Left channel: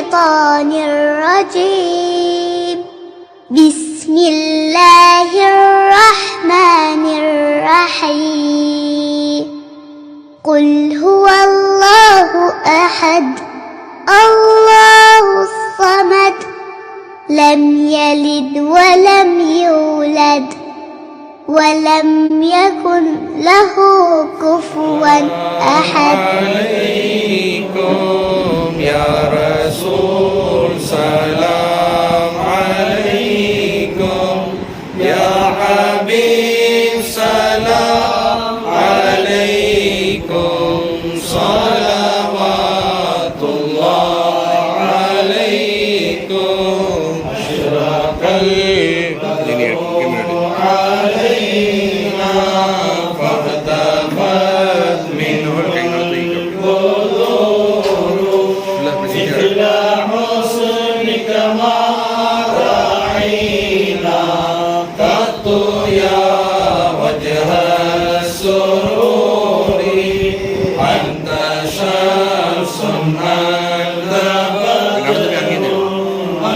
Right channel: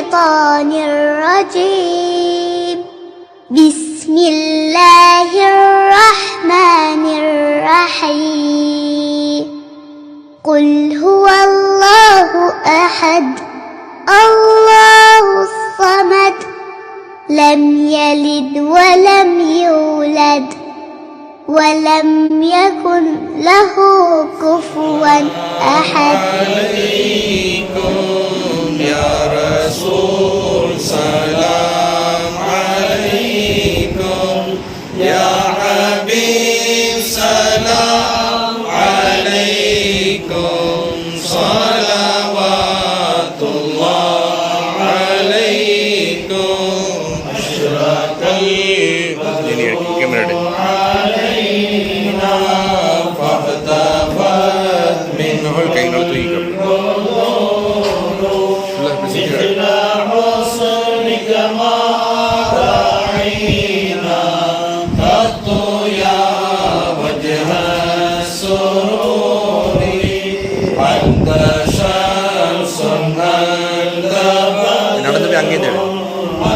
الشيطان الرجيم. بسم الله الرحمن الرحيم. قل هو الله أحد الله الصمد لم يلد ولم يولد ولم يكن له كفوا أحد. عليكم يا رسول سلام عليكم يا حبيب سلام عليكم صلوات الله عليكم أشرق علينا فاختفت منه مثل حسنك ما رأينا قط يا وجه السرور أنت شمس أنت بدر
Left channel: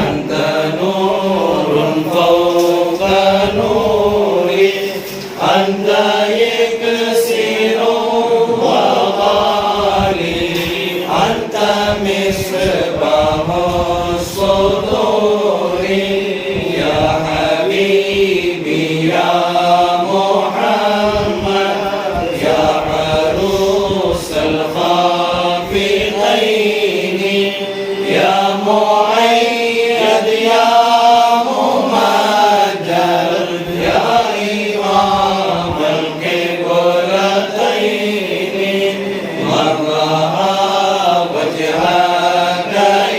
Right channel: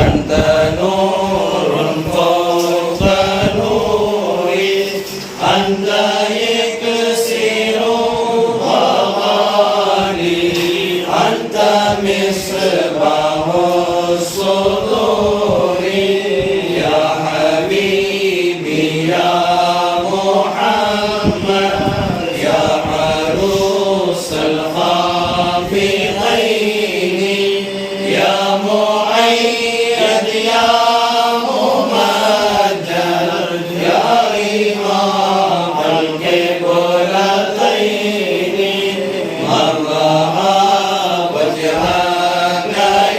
أنت نور فوق نوري أنت يكسر وغالي أنت مصباح الصدور يا حبيبي يا محمد يا عروس الخافقين يا مؤيد يا ممجد يا إمام القبلتين من رأى وجهك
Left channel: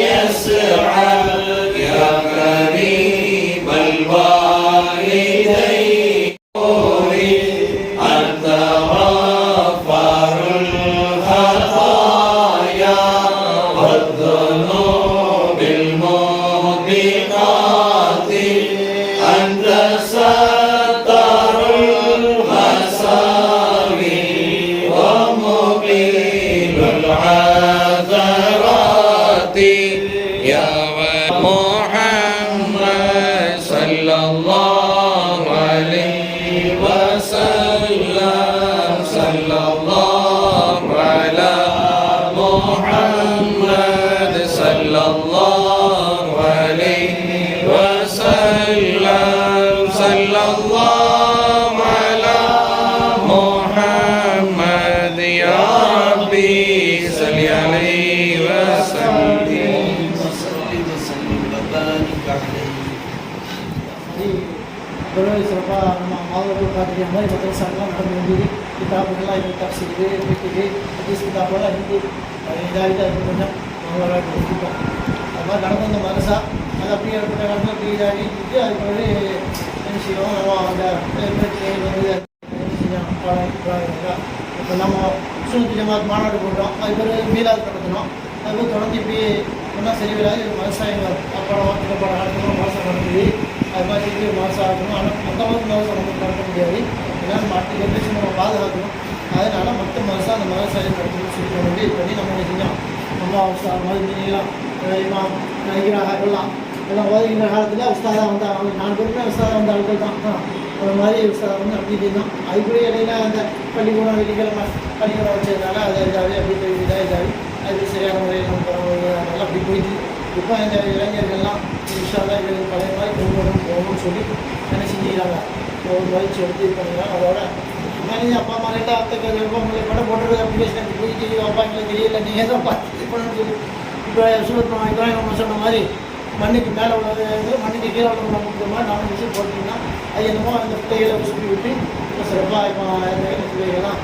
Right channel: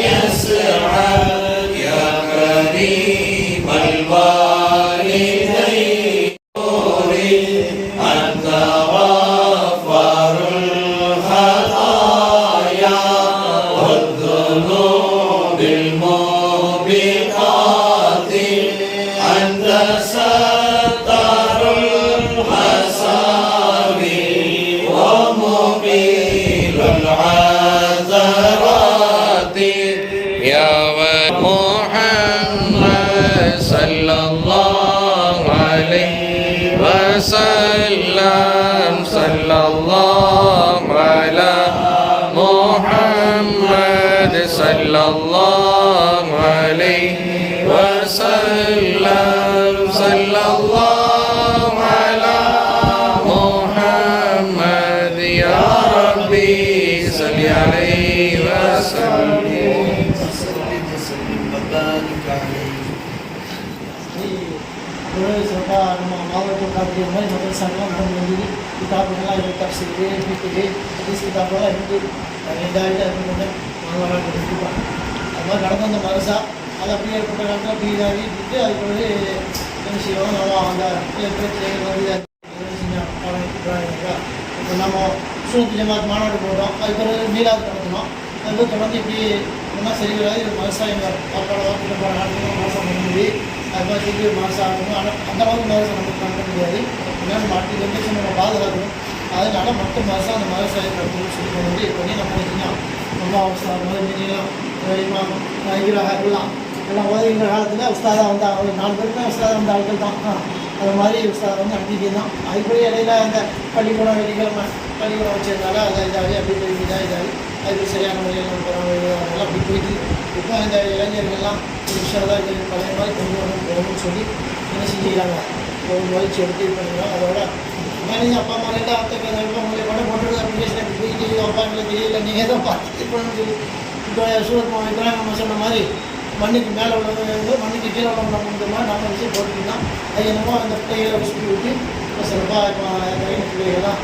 يسعد يا كريم الوالدين أنت غفار الخطايا والذنوب الموبقات أنت ستر المساوي ومقيل العثرات يا محمد صلى الله عليه وسلم صلى الله على محمد صلى الله عليه وسلم صلى الله على محمد يا ربي صل عليه وسلم. சிறப்பாக நம்ம மாவட்ட காட்டிய மாதிரி மக்கள் சங்கம் பண்ண வேண்டியது கிதாபுகள்லாம் இது தப்சிக்கு பிக்குக்கு ஹதீஸ் கிதாபெல்லாம் இருந்து இதாகிட்டு அது கொஞ்சம் நாங்கள் கண்டிப்பாக அது மாதிரி நடந்து வந்த மனசா அது அப்படியே ஏற்பட்ட காலத்தில் அப்படி இதாகிட்டு அது பிறகு என்ன செய்வோம் நம்ம அந்த பிரச்சனைகள் வந்து என்ன செஞ்சோம் இப்போ நம்ம சுனத்து ஜமாத் மாநாடு போட்டோம் அது பிறகு மீலாது நடத்தினோம் அது தொடர்ந்து இப்படி ஒன்றா சரி வராது இது விவசாயங்கள் சாப்பாடு வாக்கிட்ட போகிற காலத்தில் மாதம் நடந்தது அது மாதிரி திருப்பி மாதம் ஆகணும். ஆனால் அந்த மாதிரி மதரசா நமக்கு நடத்த முடியாது. ஏன்னா நம்ம அடுத்த ஜென்ரேஷன் நம்ம பாதுகாக்கணும். அதனால் மற்ற மதரசா அந்த மதரசாவை நடத்தணும்னு சொல்லி வந்து பண்ணி நம்ம செஞ்சோம். நம்ம மதுலாம் எல்லாம் ஓதுகின்ற காலத்தில் உஸ்தாதாக வந்தாங்க. அவங்க 4 பேருமே உஸ்தாதாக வந்த ஆட்கள் தான். அந்த மாதிரி உஸ்தாதாக வந்து நடத்திட்டு இருந்தோம். அதுக்குள்ளே இடையில அந்த பள்ளிக்கூடம் வெள்ளிக்கிழமை பள்ளிக்கூடம் வச்சதுனால அதை இதாகி அப்படி போய் இதாகி அதுக்கு சரியான முறையில் நம்ம அதனால அப்படி போயிட்டு இப்போ இந்த இளைஞர்கள்லாம் விஷயத்தான் இது பழைய மாதிரி கொண்டு போகணும்னு சொல்லி என்ன செஞ்சுக்கிறாங்க ஒரு முயற்சி எடுத்து இது பண்ணுறாங்க. அதோட மேலே அப்பா அம்மா கிட்ட அப்பா படம் போட்டு அப்ளிகேஷன் போயிட்டு அப்பா எங்களுக்கு தெரியல நீங்கள் தான் பார்த்து இது பண்ணணும்னு சொல்லி இப்போ சூரத் இப்ராஹிம் சொன்ன மாதிரி மண்ணுக்கு மேலே உள்ளவங்க மண்ணுக்கு கீழே உள்ளவங்க மாதிரி நம்ம விஷயம் போட்டுருந்தோம். அது என்னமோ அந்த பிள்ளைகளை சுற்றி விட்டு இப்போ சிறப்பாக இப்போ இந்த பிள்ளைகள்லாம்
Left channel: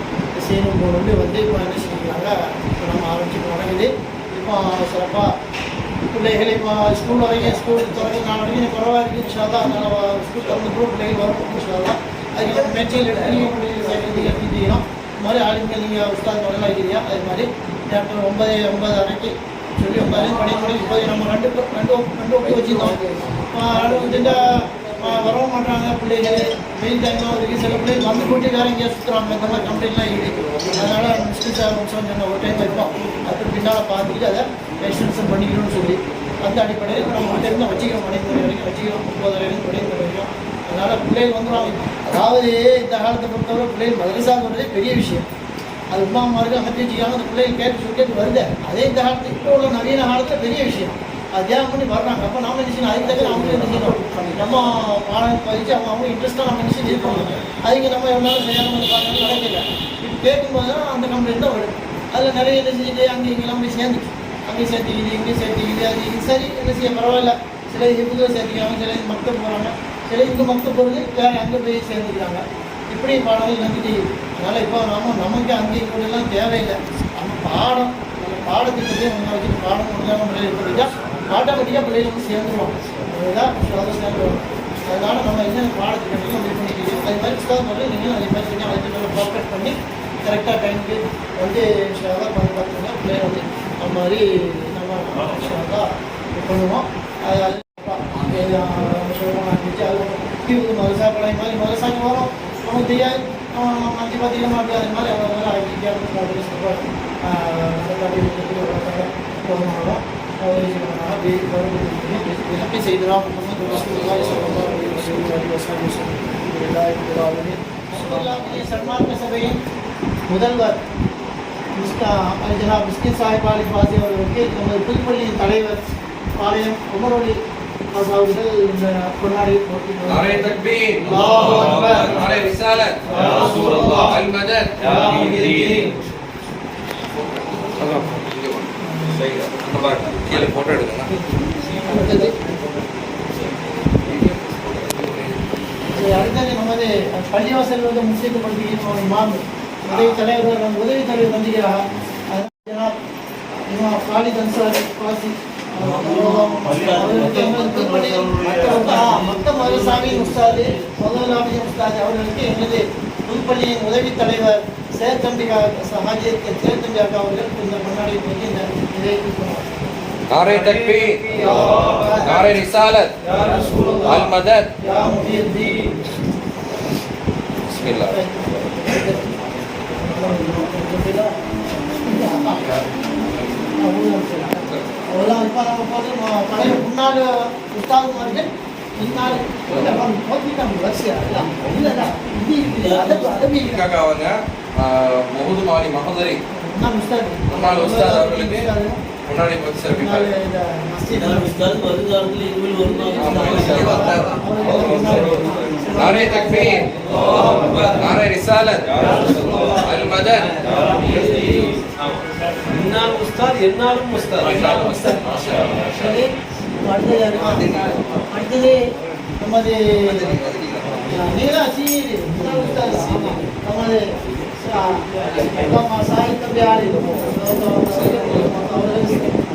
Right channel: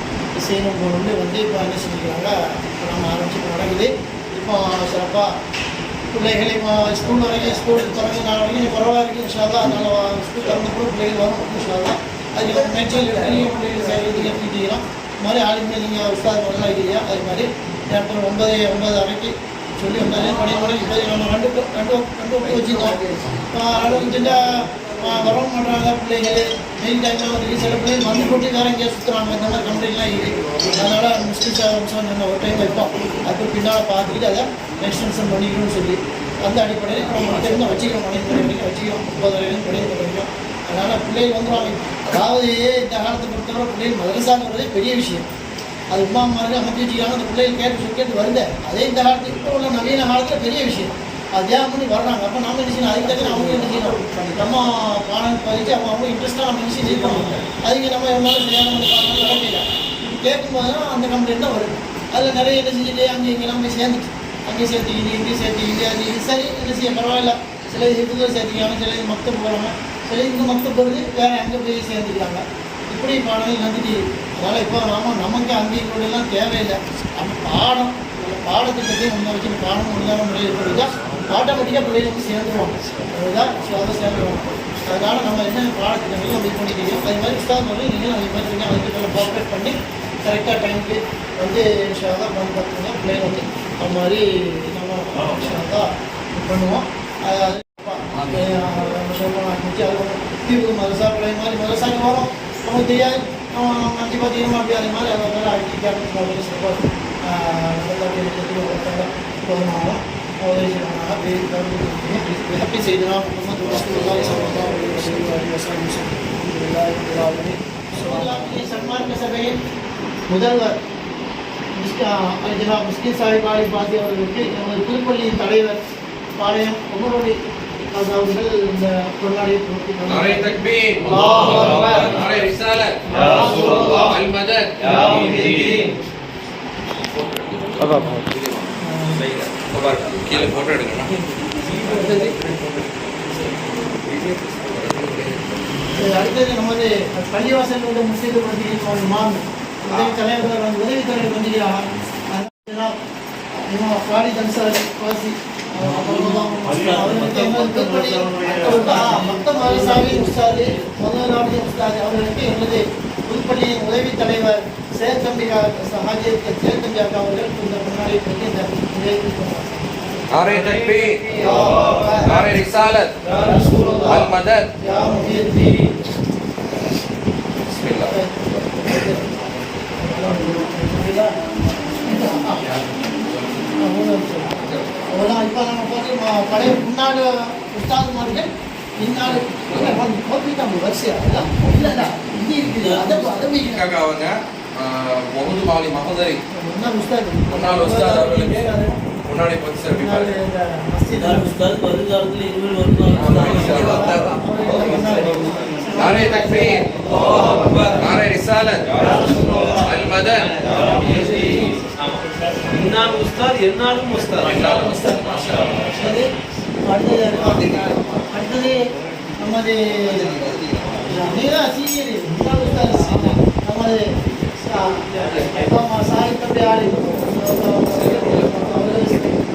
செய்யணும் போகணும்னு வந்து இப்போ என்ன செஞ்சுக்கிறாங்க. இப்போ நம்ம ஆரம்பிச்சு நடக்குது. இப்போ சிறப்பாக பிள்ளைகள் இப்போ ஸ்கூல் வரைக்கும் ஸ்கூல் தொடங்கி 4 வரைக்கும் பரவாயில்ல இருக்குது. இன்ஷால்லா அதனால் ஸ்கூல் திறந்து கூட பிள்ளைகள் வரும். இன்ஷால்லா அதுக்கு மெட்டீரியல் எடுத்துக்கலாம். இது மாதிரி ஆளுமே நீங்கள் உஸ்தாத் நல்லா இருக்கிறியா அது மாதிரி அப்புறம் 9 வரைக்கும் சொல்லி 9 மணி இப்போது நம்ம ரெண்டு வச்சுருந்தோம். வரவும் மாட்டாங்க பிள்ளைகள். மெயின் டைம்லாம் இருக்குது. சில பிள்ளைகள் வந்து போட்டு வேறு எங்கேயா சுற்றுறாங்க. இந்த மாதிரி கம்ப்ளைண்ட்லாம் இருக்குது. அதனால் மிஸ்டேக்ஸ் சொன்ன ஒரு டைம் வைப்போம். அதுக்கு பின்னால் பார்த்துக்கிட்டு அதை எக்ஸ்டென்ஷன் பண்ணிக்கணும்னு சொல்லி அந்த அடிப்படையில் இப்போ நம்ம தெரிஞ்ச வச்சுக்கிறோம். 9 மணி வரைக்கும் வச்சுக்கிறோம். 9 வரைக்கும் 9 வரைக்கும். அதனால் பிள்ளைகள் வந்துடுவாங்க. அதாவது இந்த காலத்தை பொறுத்தவரை பிள்ளைகள் மதரசான்னு வரதே பெரிய விஷயம். அது உமா மாதிரி அமைச்சு வச்சுக்காங்க. அந்த பிள்ளைகள் கேட்டு வருது. அதே இந்த காலத்தில் இப்போ உள்ள நவீன காலத்தில் பெரிய விஷயம். அது தியாகம் பண்ணி வர்றாங்க. அப்போ நம்ம என்ன செய்யணும்? அதுக்கு தக்க அவங்க என்ன செய்யணும்? நம்ம பாடம் பதிச்சு அவங்க இன்ட்ரெஸ்ட்டாக நம்ம என்ன செய்ய பண்ணுவாங்க. அதுக்கு நம்ம எவ்வளோ செய்யாமல் இருக்காங்க நடக்கல. இப்போ கேட்கும்போது தான் அந்த கம்ப்ளைண்ட் தான் வருது. அதில் நிறைய என்ன செஞ்சுட்டு அங்கே இங்கெல்லாம் போய் சேர்ந்துச்சு. அங்கேயும் சேர்த்திக்கிது, இங்கேயும் சேர்த்திக்கிது. அது சரி என்ன செய்ய பரவாயில்ல. சில இதுக்கு சேர்த்திக்கிறாங்க, சில இது மக்தப் போகிறாங்க, சில இங்கே மக்தப் போகிறது வேறு அங்கே போய் சேர்ந்துக்கிறாங்க. இப்படி பாடங்கள் வந்துட்டு. அதனால் இப்போ நமக்கு அங்கேயும் கூட எல்லாம் தேவையில்லை. நம்ம பாடத்திட்டத்தை ஒன்றா வச்சுட்டு பாடம் ஒன்றாக முறையில் படித்தா ஆட்டோமேட்டிக்காக பிள்ளைகள் வந்து சேர்ந்துருவாங்க. அதுதான் சேர்ந்துருவாங்க. அதனால் நம்ம என்ன பாடத்திட்டங்களும் அப்படி பண்ணிக்கிறோம். அது மாதிரி புத்தகம் நீங்களும் அதே மாதிரி இருக்கீங்க. அதுக்கு நல்லா ஃபோக்கஸ் பண்ணி கரெக்டாக டைமுக்கு வந்து ஷாதான் பண்ணி பார்த்தீங்கன்னா பிள்ளைகள் வந்து அது மாதிரி நம்ம ஷாதான் பண்ணுவோம். அது நம்ம சொல்லுவோம் ஆரம்பிச்சு அது தீர்வு மதரசா பழைய மாதிரி மதரசாங்க வரும். நமக்கு தெரியாது. அஞ்சு பார்த்தீங்கன்னா அப்படி அது மாதிரி அதனால ஐடி சொல்லுவாங்க. அப்படி செய்தலாம். சன்மார்க்க சபையின் முதல்வர் ஜனாப் மிஸ்கின் சாஹிப் அலி பாசி அவர்களுக்கு நமது புதுப்பள்ளியின் தலைவர் பாளையம் உமரொலி அவர்கள் இந்த கொண்டாடி போட்டி கீழே போட்டோ எடுக்கணும். அடுத்தது நமது பள்ளிவாசல் வந்து முக்கியத்துவம் இமாம் உதவி தலைவர் வந்து காலித் அன்சாரி வாசி அவர்களுக்கு மத்த மதரசாவின் உஸ்தாது முதலாளி உஸ்தாது அவர்களுக்கு எமது புதுப்பள்ளியின் உதவி தலைவர் சேத்தம்பி அவர்கள் இந்த முன்னாடி இந்த உதவி नारे तकबीर, नारे रिसालत, अल मदद, या मुहीद्दीन। बिस्मिल्लाह। அவ்வளோதான். இப்போ நம்ம பார்த்து பழைய முன்னாள் உஸ்தாதுமார்கள் இந்நாள் வரிசையா இல்லைடா இது இருக்குது. அதற்கு அவங்க முகமது மாலி மஹதரி முன்னாள் உஸ்தாது அவர்களுக்கு முன்னாடி नारे तकबीर, नारे रिसालत, अल मदद, इन्नाल उस्ताद इन्नालुम उस्ताद माशाअल्लाह। அடுத்தது நமது சீனியர் நமது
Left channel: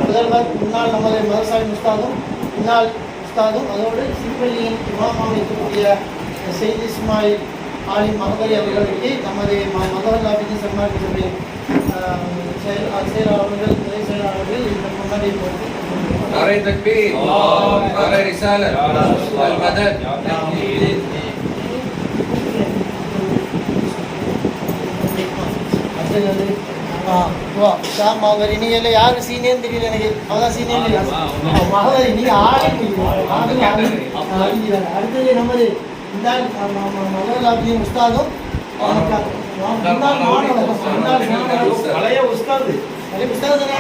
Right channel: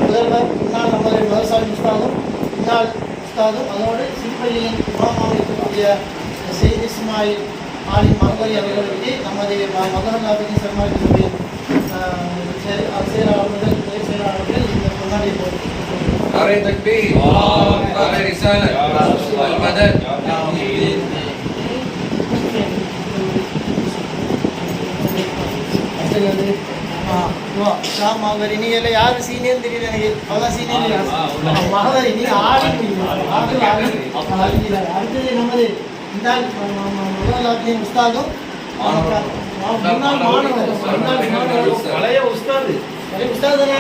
முதல்வர் முன்னாள் நமது மதரசாவின் உஸ்தாதும் முன்னாள் உஸ்தாதும் அதோடு சிப்பள்ளியின் இமாமாக இருக்கக்கூடிய செய்தி இஸ்மாயில் ஆலிம் மகதரி அவர்களுக்கு நமது மதரசாவின் சன்மார்க்கத்துடைய செயலாளர்கள் துணை செயலாளர்கள் இந்த முன்னாடி नारे तकबीर, नारे रिसालत, अल मदद। நீங்க யாரு சீனியர் தெரியல எனக்கு. அதான் சீனியர் மகதரி நீங்க அடுத்தது நமது மதரசாவின் உஸ்தாதும் பழைய உஸ்தாது படிச்சிருக்காங்க.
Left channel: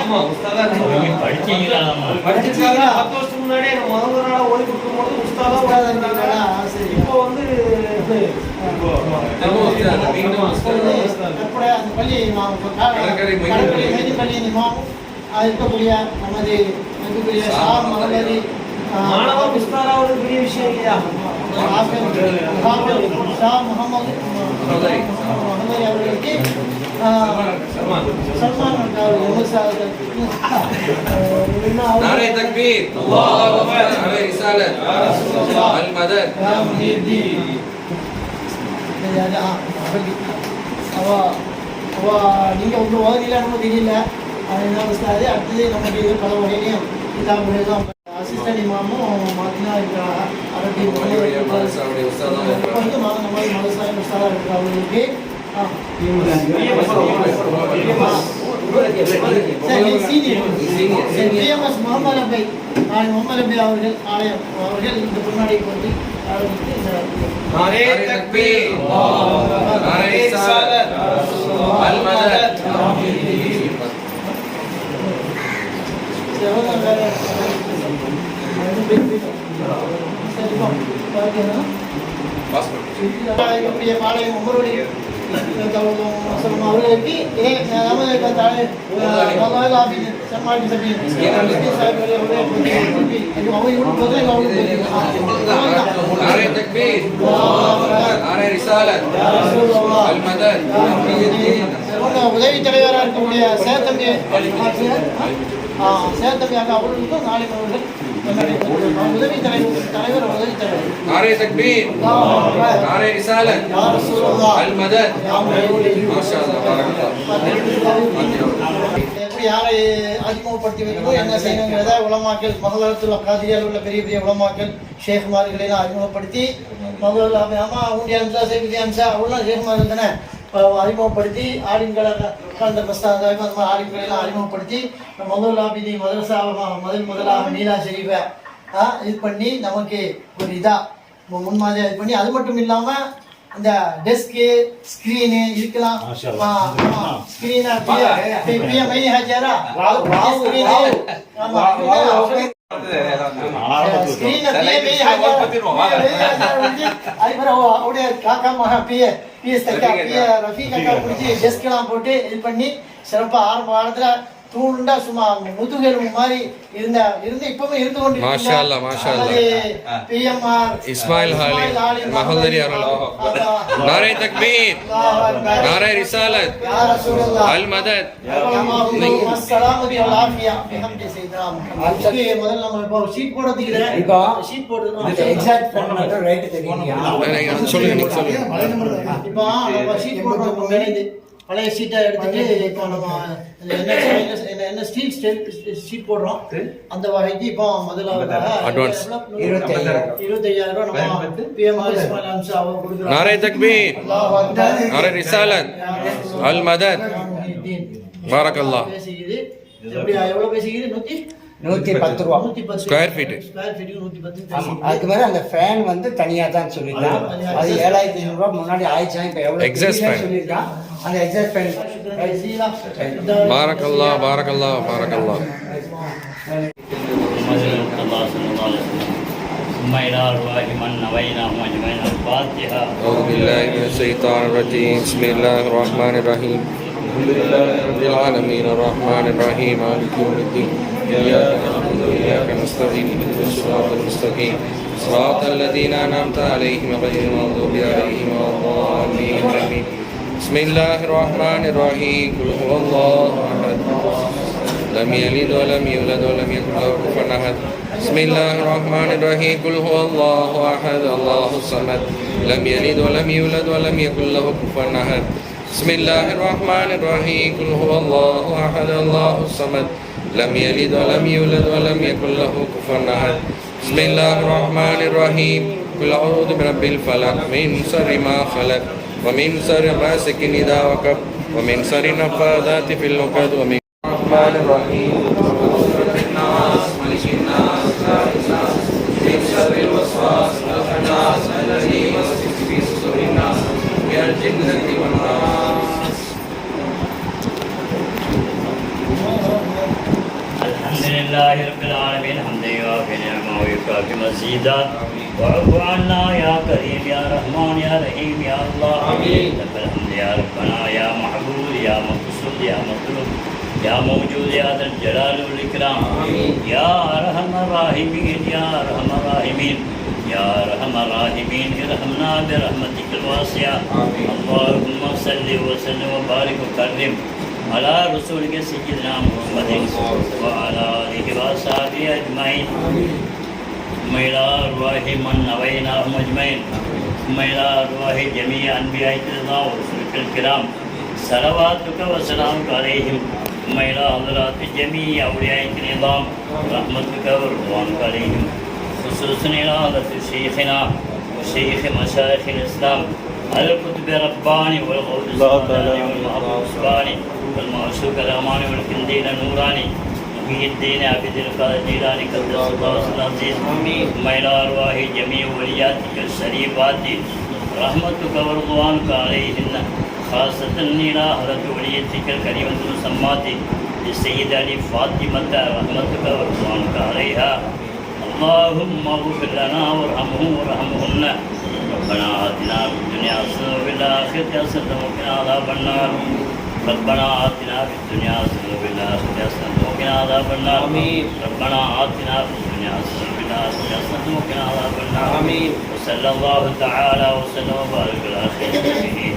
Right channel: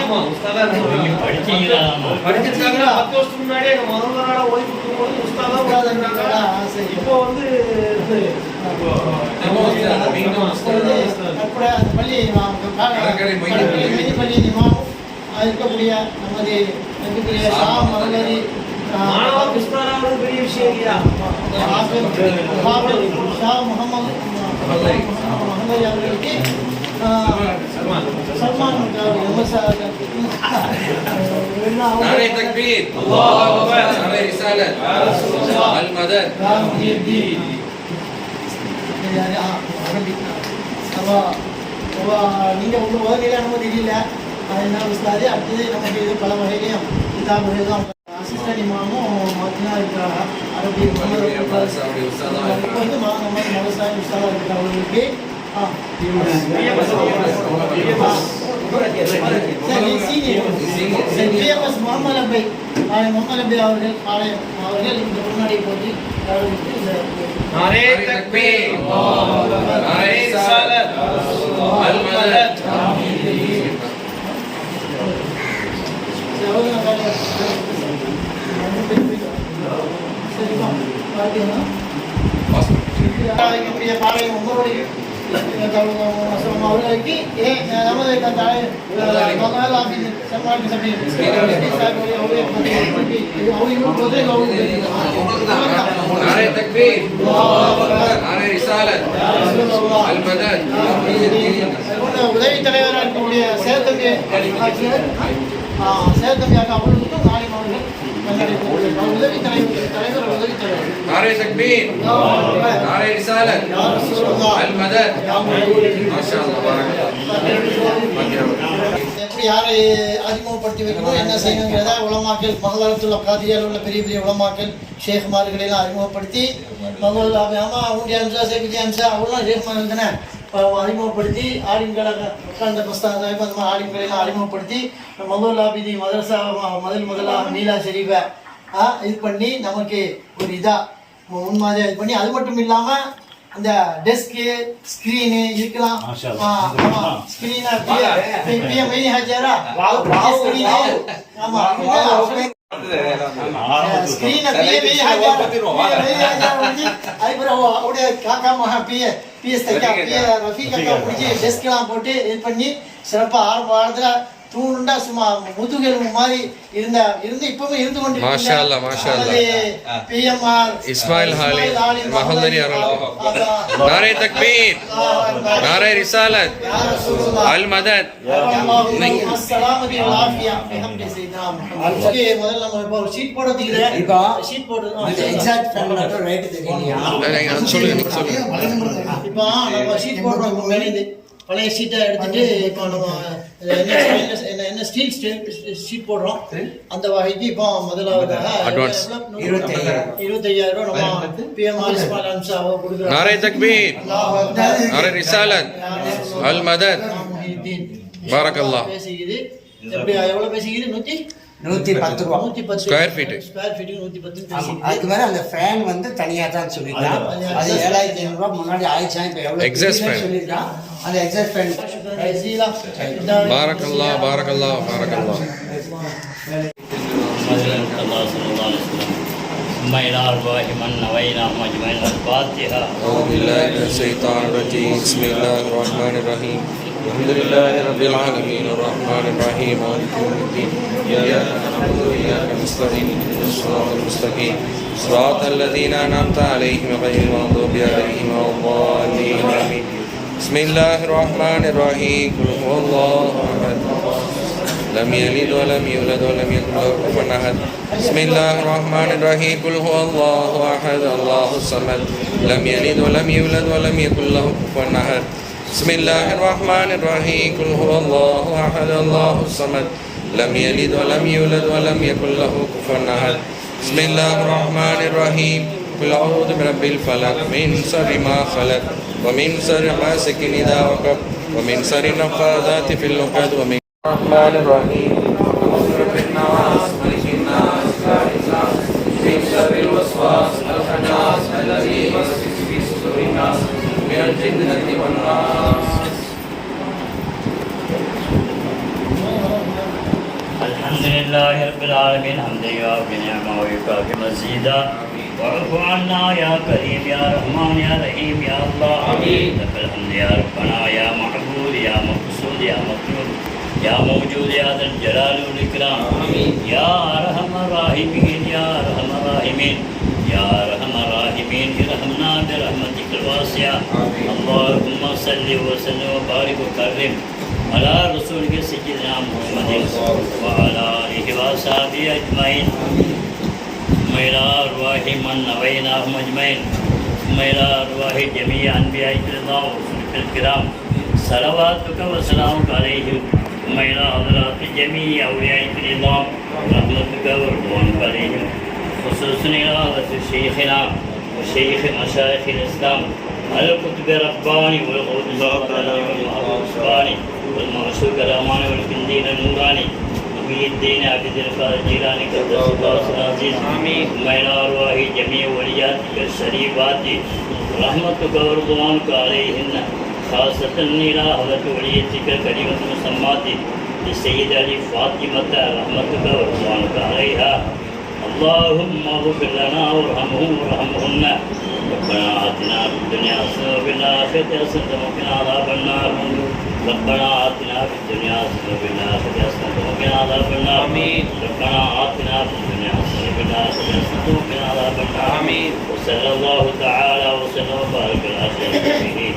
10 வருஷத்துக்கு முன்னாடியே மருவனால ஓடி கொடுக்கும்போது உஸ்தாதா விடாதுன்றாங்க. இப்போ வந்து அந்த பள்ளி பள்ளி இமாம் இருக்கக்கூடிய நமது இருக்கக்கூடிய மாணவர் உஸ்தாதாவது பெரிய விஷயம் இல்லையா. ஷா முகமது அவர்களுக்கு सलमान नारे तकबीर, अल्लाहु अकबर, नारे रिसालत, अल मदद, या मुहीद्दीन। நீங்க உங்க உதவியில் அனுமதி இல்லை. என்ன உஸ்தாது அடுத்தது நமக்கு பல வகையிலையும் கிதாபுகளும் அசிஸ்டன்ட் இமாமும் மாற்றினா இருக்கிறாங்க. அவர்களுக்கு பிஎம்எஸ் முகமது அபை முகமது அபை அவர்கள் ஆலயம் அவர்கள் இந்த முன்னாடி போட்டு नारे तकबीर नारे रिसालत अल मदद அவர்களுக்கு नारे तकबीर नारे रिसालत अल मदद உதவி தலைவராக இருக்கக்கூடிய சேத்தம்பி அவர்களுக்கும் நாளை அவர்கள் உதவி தலைவர் உதவி தலைவர் नारे तकबीर नारे रिसालत अल मदद माशाअल्लाह எப்படி யாரை அறிமுகப்படுத்தி வைக்கணும் என்ன செய்யணுங்கிறத உலமாக்கள் மகளத்துல காதியால் உள்ள பெரிய பெரிய உலமாக்கள் ஷேகுமார்களெல்லாம் அறிமுகப்படுத்தி மகள் ஆமா ஊண்டிய அம்சா சேகுதி அம்சா அவங்களாம் ஷேகுமார்கள் தானே அறிமுகப்படுத்தி ஆலிம்களை அந்த மஸ்தான் சாஹிப் அந்த மாதிரி ஆலிம்களெல்லாம் அறிமுகப்படுத்தி மதுல்லாபிதி மதரசா முதலாக நீலா ஷெரீஃபை இது பண்ணி நமக்கு ஒரு முன்மாதிரியாக இது பண்ணி அது மட்டும் இல்லாமல் அந்த டெஸ்க்கு ஸ்க்ரீனு இருக்கலாம் ஸ்க்ரீனா பிஎம் மைனி ஹஜாரா ஸ்க்ரீனு ஸ்க்ரீனை பிஎம் அதுக்கப்புறம் அப்படியே காக்கா மகா பிஎஸ் தைக்கா ரஃபி காக்கா பிடிச்சி டெஸ்க்லாம் போட்டு இது பண்ணி சிறப்பாக ஆரம்ப காலத்தில் தூண்டா சும்மா முதுகெலும்பு மாதிரி இருந்து இப்பவும் இருந்து கொண்டு மாஷா அல்லாஹ் மாஷா அல்லாஹ் பிஎம்ஆர் இஸ்மாயில் ஹாலி மஹல்லரி அவர்கள் நாரே தக்பீர் நாரே ரிசாலத் அல் மதத் முதல்ல நம்ம இப்போ ஷீட் போடுறதுக்கு ஷீட் போடு சொல்லுங்க நீங்க சொல்லுங்க இப்போ நம்ம ஷீட் போடுறோம் மேலே பழைய ஷீட்டை எடுத்துட்டு இப்போ நம்ம என்ன ஸ்டீல் ஷீட் போடுறோம் அந்த வகைக்கு இப்போ முதலாவதாக அட்வான்ஸ் 25,000 ரூபாய் நம்ம பிஎம் இஸ்மாயில் அம்சா கொடுக்குறோம் நாரே தக்பீர் நாரே ரிசாலத் அல் மதத் பாரக்கல்லாஹ் பேசிக்குது எப்படி எவ்வளவு பேசிக்குது 110 ரூபா ஸ்கொயர் ஃபீட் ஸ்கொயர் ஃபீட்டுக்கு 110 அதுக்கு மேல அந்த ஃபேன் வந்து தனியா தான் சொல்லிருக்கான் அது 7,500 ரூபாய் முன்னாடி ஆயிடுச்சா இப்ப எவ்வளவு Exhaust fan. சொல்லிருக்கான் அந்த எக்ஸாஸ்ட் ஃபேன் பாரக்கல்லாஹ் பாரக்கல்லாஹ் பாரக்கல்லாஹ் ثم إلى أرواح من نويناهم أجمعين الفاتحة. أعوذ بالله من الشيطان الرجيم بسم الله الرحمن الرحيم الحمد لله رب العالمين الرحمن الرحيم مالك يوم الدين إياك نعبد وإياك نستعين اهدنا الصراط المستقيم صراط الذين أنعمت عليهم غير المغضوب عليهم ولا الضالين آمين بسم الله الرحمن الرحيم قل هو الله أحد لم يلد ولم يولد ولم يكن له كفوا أحد بسم الله الرحمن الرحيم قل هو الله أحد الله الصمد لم يلد ولم يولد ولم يكن له كفوا أحد بسم الله الرحمن الرحيم قل هو الله أحد الله الصمد لم يلد ولم يولد ولم يكن له كفوا أحد بسم الله الرحمن الرحيم قل أعوذ برب الفلق من شر ما خلق ومن شر غاسق إذا وقب ومن شر النفاثات في العقد ومن الرحمن الرحيم من شر الوسواس الخناس الذي يوسوس في صدور الناس من الجنة والناس. الحمد لله رب العالمين حمدا يوافي نعمه ويكافي مزيدا واعف عنا يا كريم يا رحمن يا رحيم يا الله لك الحمد يا ربنا يا معبود يا مقصود يا مطلوب يا موجود يا ذا الجلال والإكرام يا أرحم الراحمين يا أرحم الراحمين يا أرحم الراحمين ارحمنا برحمتك الواسعة اللهم صل وسلم وبارك وكرم على رسولك سيدنا محمد وعلى آله وصحبه أجمعين ثم إلى أرواح من نويناهم أجمعين ثم إلى أرواح جميع أنبيائك الله ورسلك الكرام صلواتك وسلامك عليهم ثم إلى حضرات جميع أوليائك العظام رحمتك ورضوانك عليهم خصوصاً إرادة شيخنا وشيخ مشايخ الإسلام القطب الرباني والغوث السمداني والمحبوب الصباني والمعشوق الأماني والكنديل النوراني محي الدين عبد القادر الجيلاني قدس الله سره العزيز ثم إلى أرواح جميع ولياتك الشريفات رحمتك ورضوانك عليهن خاصة إلى حضرة وليتك الكريمة المسمات للسيدة علي فاطمة رحمتك ورضوانك عليها اللهم اغفر لنا وارحمهن ربنا آتنا في الدنيا حسنة وفي الآخرة حسنة وقنا عذاب النار ربنا آتنا في الدنيا حسنة وفي الآخرة حسنة وقنا عذاب النار ربنا آتنا في الدنيا حسنة وفي الآخرة حسنة وقنا عذاب النار وصلى الله تعالى وسلم وبارك على خير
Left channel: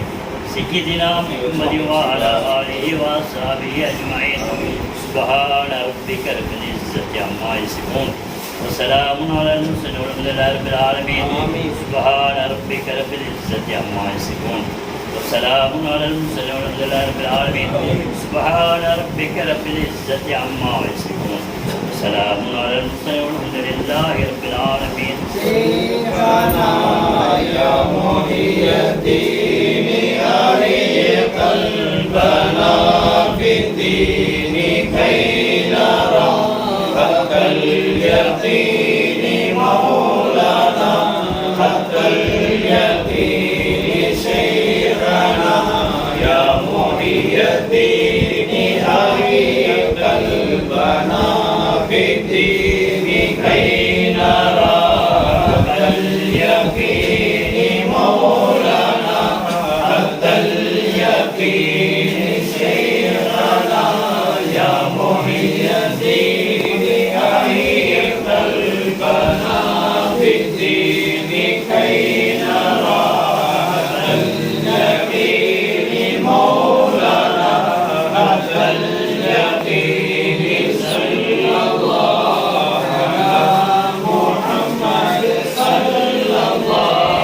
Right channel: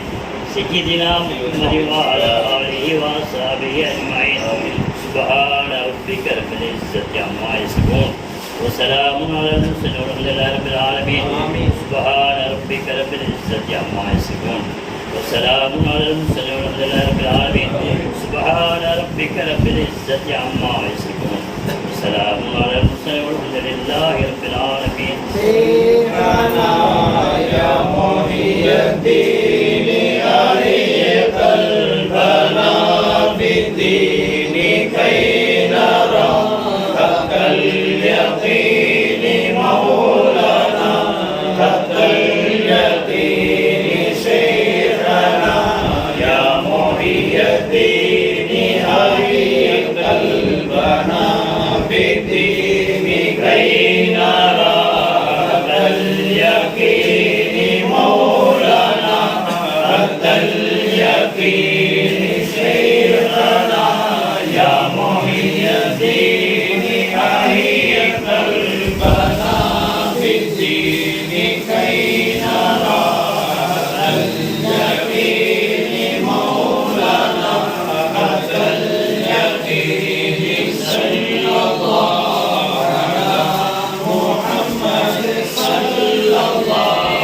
سيدنا محمد وعلى آله وأصحابه أجمعين سبحان ربك رب العزة عما يصفون وسلام على المرسلين والحمد لله رب العالمين سبحان ربك رب العزة عما يصفون وسلام على المرسلين والحمد لله رب العالمين سبحان ربك رب العزة عما يصفون وسلام على المرسلين والحمد لله رب العالمين سيدنا يا محي الدين أري قلبنا بالدين كي نرى حق اليقين مولانا حق اليقين شيخنا يا محي الدين أري قلبنا بالدين كي نرى حق اليقين مولانا حق اليقين شيخنا يا محي الدين أري قلبنا بالدين كي نرى حق اليقين مولانا حق اليقين صلى الله على محمد صلى الله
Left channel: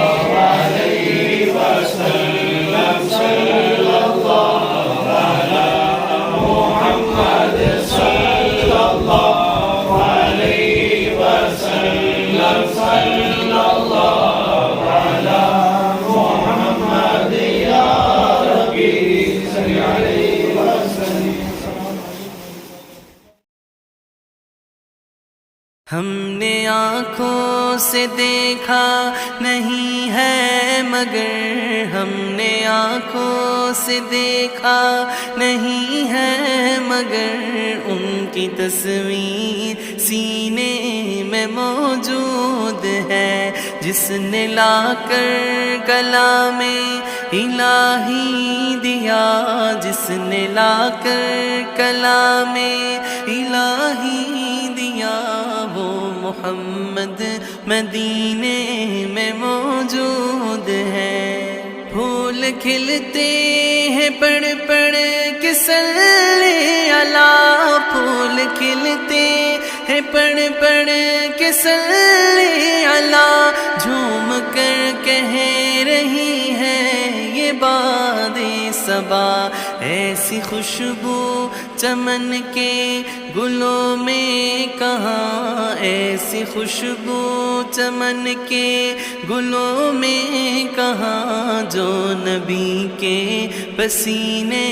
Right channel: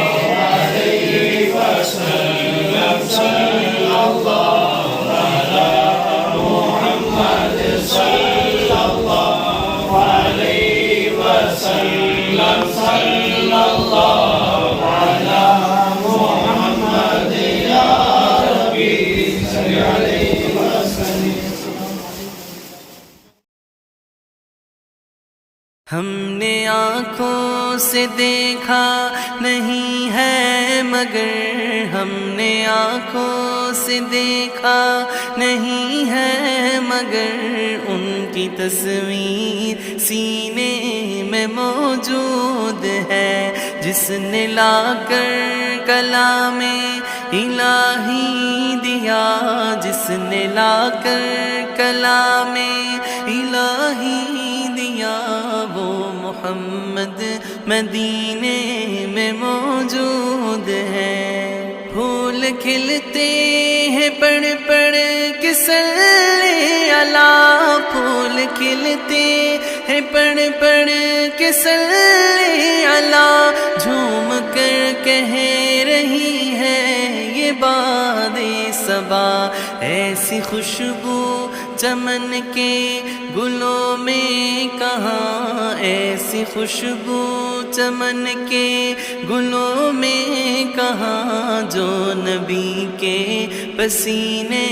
عليه وسلم صلى الله على محمد صلى الله عليه وسلم صلى الله على محمد يا ربي صل عليه وسلم. हमने आँखों से देखा नहीं है मगर हमने आँखों से देखा नहीं है मगर उनकी तस्वीर सीने में मौजूद है जिसने लाकर कलामे इलाही दिया जिसने लाकर कलामे इलाही दिया वो मुहम्मद मदीने में मौजूद है फूल खिलते हैं पढ़ पढ़ के सल्ले अला फूल खिलते हैं पढ़ पढ़ के सल्ले अला झूम कर कह रही है ये बादे सबा ऐसी खुशबू चमन के गुलों में कहाँ ऐसी खुशबू चमन के गुलों में कहाँ जो नबी के पसीने